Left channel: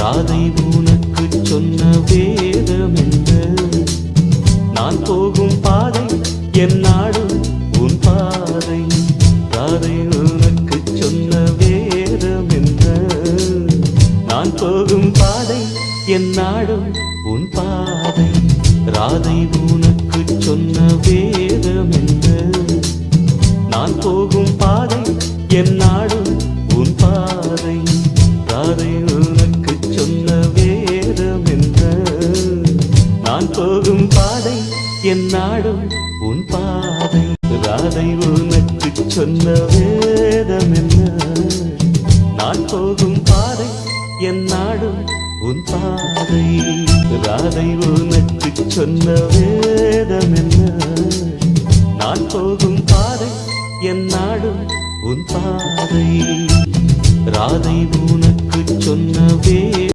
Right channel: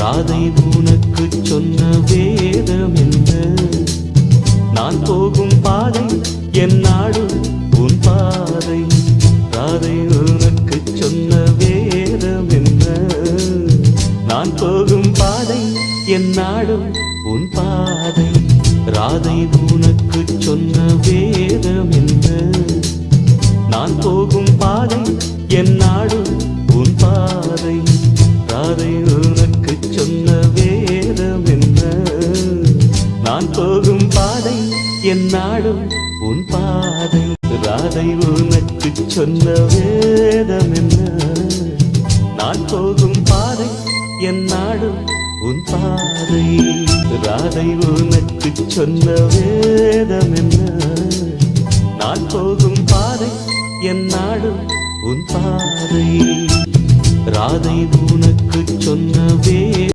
ராதை உனக்கு சொன்ன வேதம் என்ன? நான் போகும் பாதை என் நாடு உன் பாதை. ராதை உனக்கு சொன்ன வேதம் என்ன? நான் போகும் பாதை என் நாடு உன் பாதை. ராதை உனக்கு சொன்ன வேதம் என்ன? நான் போகும் பாதை என் நாடு உன் பாதை. ராதை உனக்கு சொன்ன வேதம் என்ன? நான் போகும் பாதை என் நாடு உன் பாதை. ராதை உனக்கு சொன்ன வேதம் என்ன? நான் போகும் பாதை என் நாடு உன் பாதை. ராதை உனக்கு சொன்ன வேதம் என்ன? நான் போகும் பாதை என் நாடு உன் பாதை. ராதை உனக்கு சொன்ன